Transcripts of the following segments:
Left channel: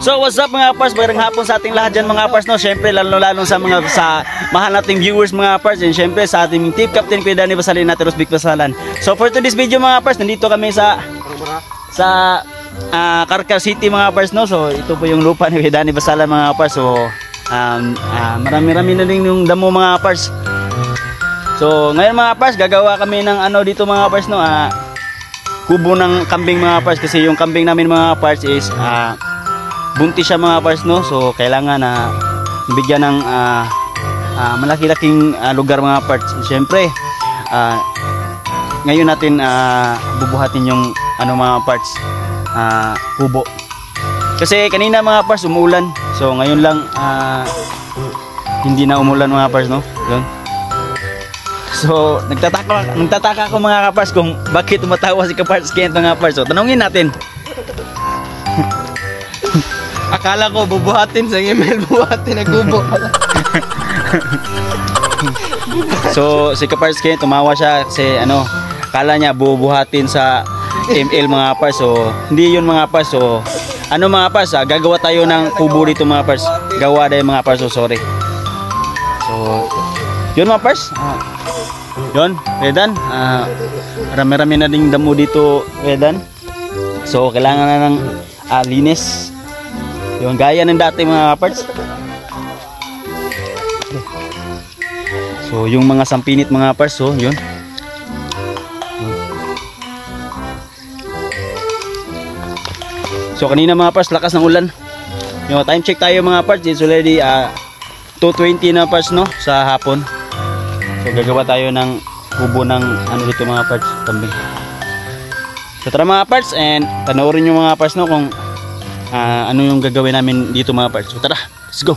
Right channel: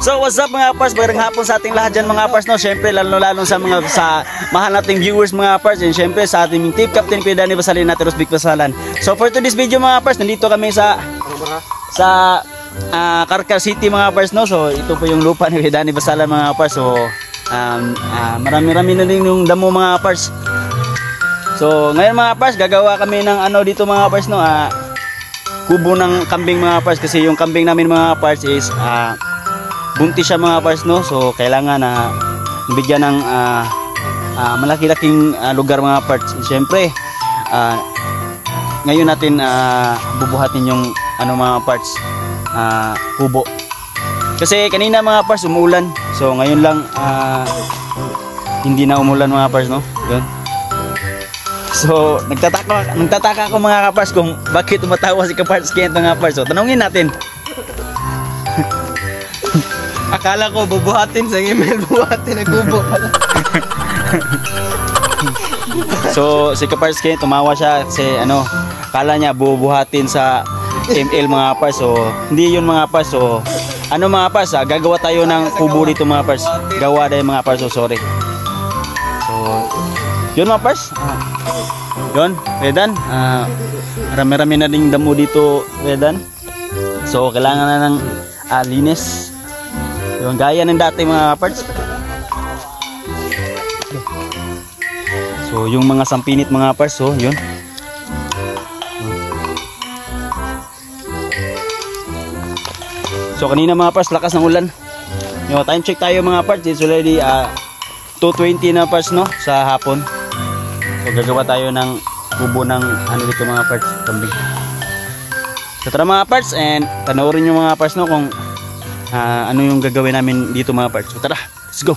So what's up mga pars, magandang hapon sa ating lahat dyan mga pars, no? Syempre lalo sa mga mahal nating viewers mga pars, and syempre sa ating team captain Kuya Danny Basalin at Rosvic Basalan. So for today's video mga pars, nandito kami sa Carcar City mga pars, no? So ito po yung lupa ni Kuya Danny Basalan mga pars. So marami-rami na din yung damo mga pars. So ngayon mga pars, gagawa kami ng ano dito mga pars, no? Kubo ng kambing mga pars, kasi yung kambing namin mga pars is buntis siya mga pars, no? So kailangan na bigyan ng malaki-laking lugar mga pars. Siyempre ngayon natin bubuhatin yung ano mga pars, kubo. Kasi kanina mga pars umuulan. So ngayon lang hindi na umulan mga pars, no? Yun. So nagtataka ako mga kapars kung bakit tumatawa si Kapars Kent mga pars. So tanungin natin. Akala ko bubuhatin sa email, bubuhatin na kubo. So si Kapars Kent tumawa siya kasi ano, akala niya bubuhatin sa ML mga pars. So hindi yun mga pars. So ano mga pars, gagawa tayo ng kubo dito mga pars. Gawa tayo mga pars. So sorry. So yun mga pars. Yun, Redan. Marami-rami na ding damo dito, Redan. So kailangan na ng linis. Yung gaya ng dati mga parts. So yung mga sampinit mga parts, so yun. So kanina mga parts, lakas ng ulan. Yung time check tayo mga parts, it's already 2:20 na parts, no, sa hapon. So gagawa tayo ng kubo ng ano dito mga parts, kambing. So tara mga parts, and panoorin nyo mga parts, no, kung ano yung gagawin namin dito mga parts. So tara, let's go.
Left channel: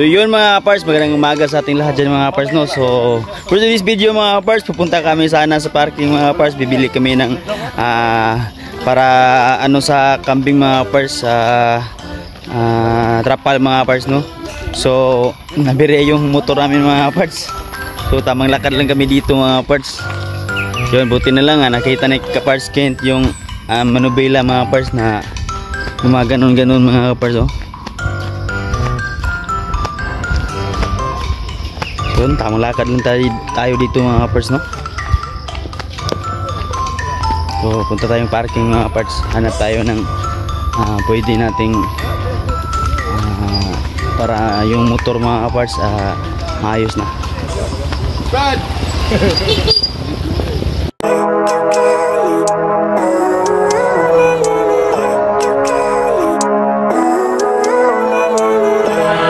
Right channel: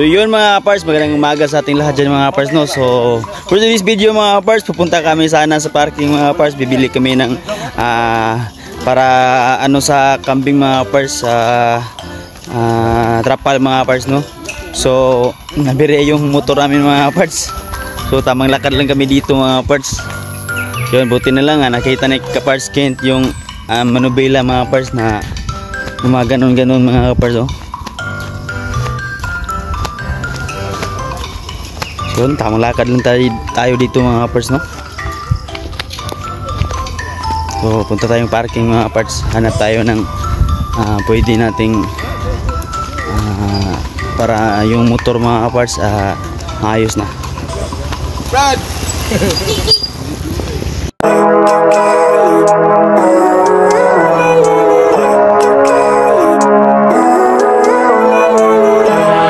So yun mga kapars, magandang umaga sa ating lahat dyan mga kapars, no. So for this video mga kapars, pupunta kami sana sa parking mga kapars. Bibili kami ng para ano sa kambing mga kapars, trapal mga kapars, no. So nabire yung motor namin mga kapars. So tamang lakad lang kami dito mga kapars. Yun, buti na lang nakita ni Kapars Kent yung manubela mga kapars na gumaganon-ganon mga kapars, oh. So, tamang lakad lang tayo dito mga kapars, no. So, punta tayong parking mga kapars. Hanap tayo ng pwede nating para yung motor mga kapars maayos na. Brad!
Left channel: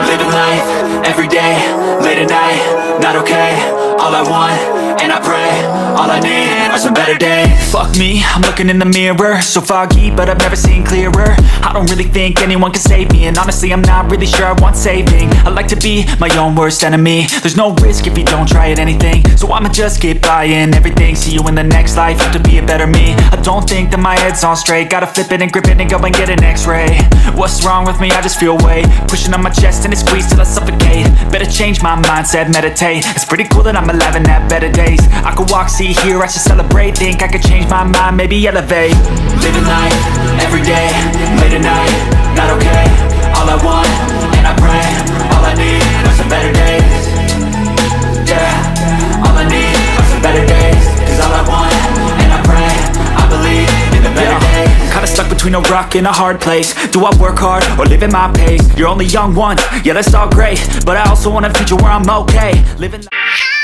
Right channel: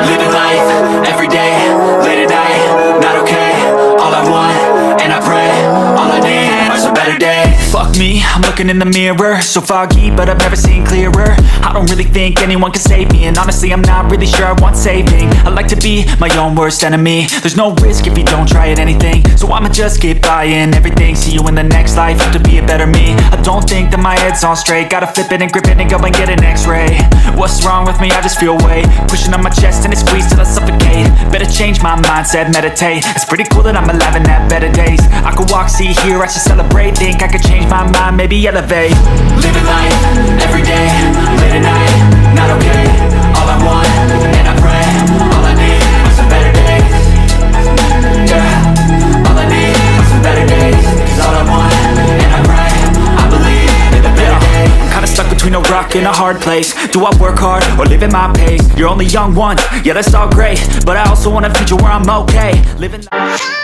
Living life every day, late at night, not okay. All I want, and I pray, all I need are some better days. Fuck me, I'm looking in the mirror, so foggy, but I've never seen clearer. I don't really think anyone can save me, and honestly I'm not really sure I want saving. I like to be my own worst enemy. There's no risk if you don't try at anything, so I'ma just keep buying everything. See you in the next life, have to be a better me. I don't think that my head's on straight, gotta flip it and grip it and go and get an x-ray. What's wrong with me? I just feel weight pushing on my chest and it squeezes till I suffocate. Better change my mindset, meditate. It's pretty cool that I'm alive and have better days. I could walk, see, hear, I should celebrate. Think I could change my mind, maybe elevate. Living life, every day, late at night, not okay. All I want, and I pray, all I need are some better days. Yeah, all I need are some better days. Cause all I want, and I pray, I believe in the better days. I'm kinda stuck between a rock and a hard place. Do I work hard or live at my pace? You're only young once, yeah that's all great, but I also want a future where I'm okay. Living life.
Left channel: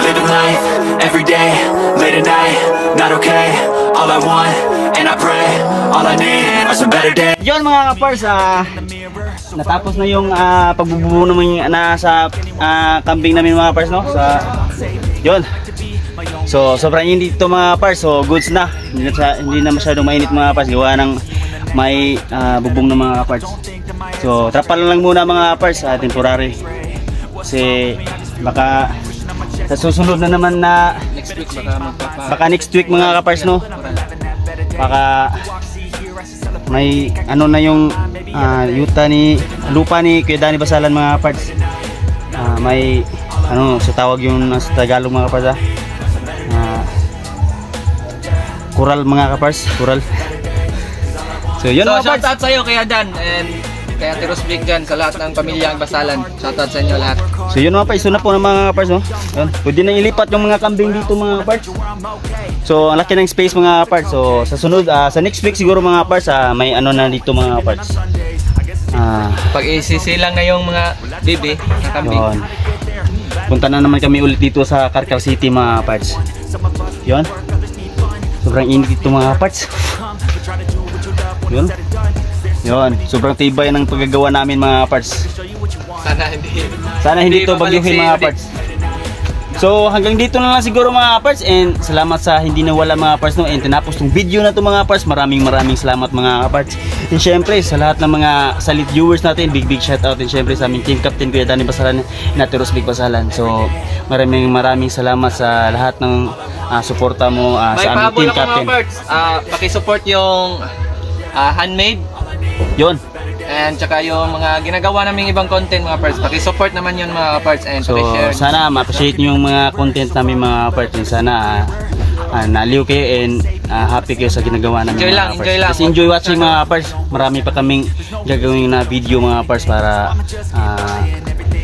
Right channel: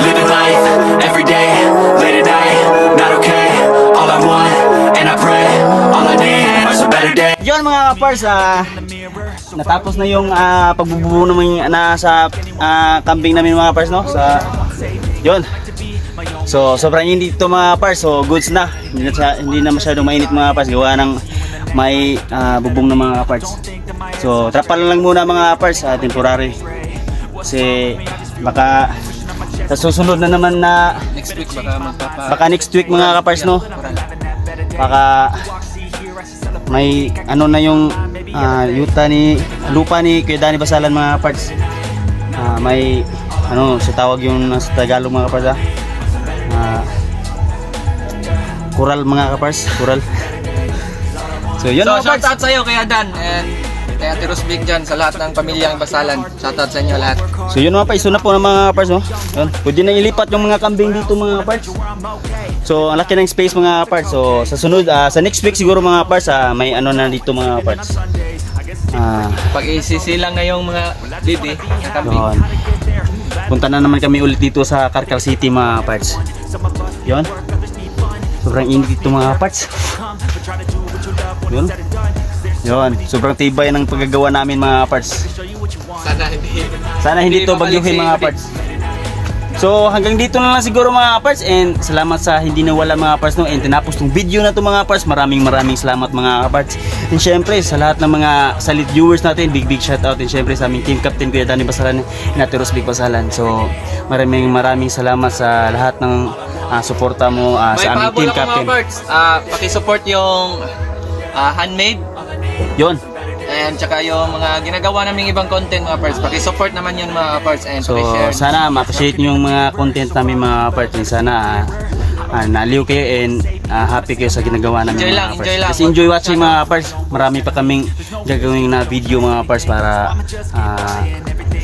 Living life every day, late at night, not okay. All I want, and I pray, all I need are some better days. Yun mga kapars, natapos na yung pagbubuo naman sa kambing namin mga kapars, no? Yun. So sobrang init dito mga kapars, so goods na. Hindi na masyadong mainit mga kapars, gawa ng may bubong na mga kapars. So trapal lang muna mga kapars, temporary. Kasi baka sa susunod na naman na baka next week mga kapars, no? Baka may ano na yung lupa ni Kuya Danny Basalan mga kapars. May ano sa tawag yung sa Tagalog mga kapars, kural mga kapars, kural. So yun So mga shout kapars. out sa'yo kaya Dan and kaya Tiros Big dyan sa lahat ng pamilyang Basalan. Shout out sa inyo lahat. So yun mga kapars, na po ng mga kapars, no? Yun, pwede na ilipat yung mga kambing dito mga kapars. So ang laki ng space mga kapars. So sa sunod, sa next week siguro mga kapars, may ano na dito mga kapars. Pag isisilang na yung mga bibi, kambing. Yun. punta na naman kami ulit dito sa Carcal City mga parts. Yun. Sobrang init dito mga parts. Yun. Yun. Sobrang tibay ng paggagawa namin mga parts. Sana hindi to bagyuhin mga parts. So hanggang dito na lang siguro mga parts, and salamat sa hindi nawala mga parts no, and tinapos tong video na to mga parts. Maraming salamat mga parts. And syempre sa lahat ng mga salit viewers natin, big shout out, and syempre sa aming team captain Kuya Danny Basalan, Nateros Big Basalan. So maraming salamat sa lahat ng suporta mo sa aming team captain. May pahabol ako mga parts. Paki-support yung handmade. Yun. And tsaka yung mga ginagawa naming ibang content mga parts, paki-support naman yun mga parts, and So paki-share. sana ma-appreciate nyo yung mga content namin mga parts. Sana naliw kayo and happy kayo sa ginagawa namin Enjoy mga lang, parts. enjoy lang. Just enjoy watching mga parts. Marami pa kaming gagawin na video mga parts para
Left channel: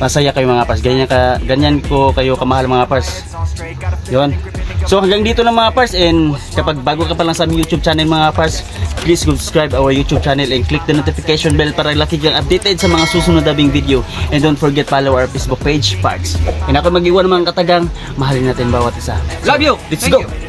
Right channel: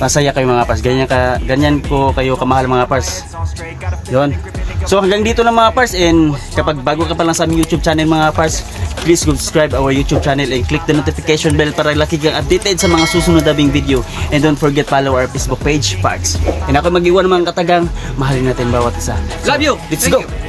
pasaya kayo mga parts. Ganyan ko kayo kamahal mga parts. Yun. So hanggang dito na mga parts, and kapag bago ka pa lang sa aming YouTube channel mga parts, please subscribe our YouTube channel and click the notification bell para lagi kang updated sa mga susunod na video. And don't forget follow our Facebook page, Parts. And ako mag-iwan ng mga katagang, mahalin natin bawat isa. Love you! Let's Thank go! you.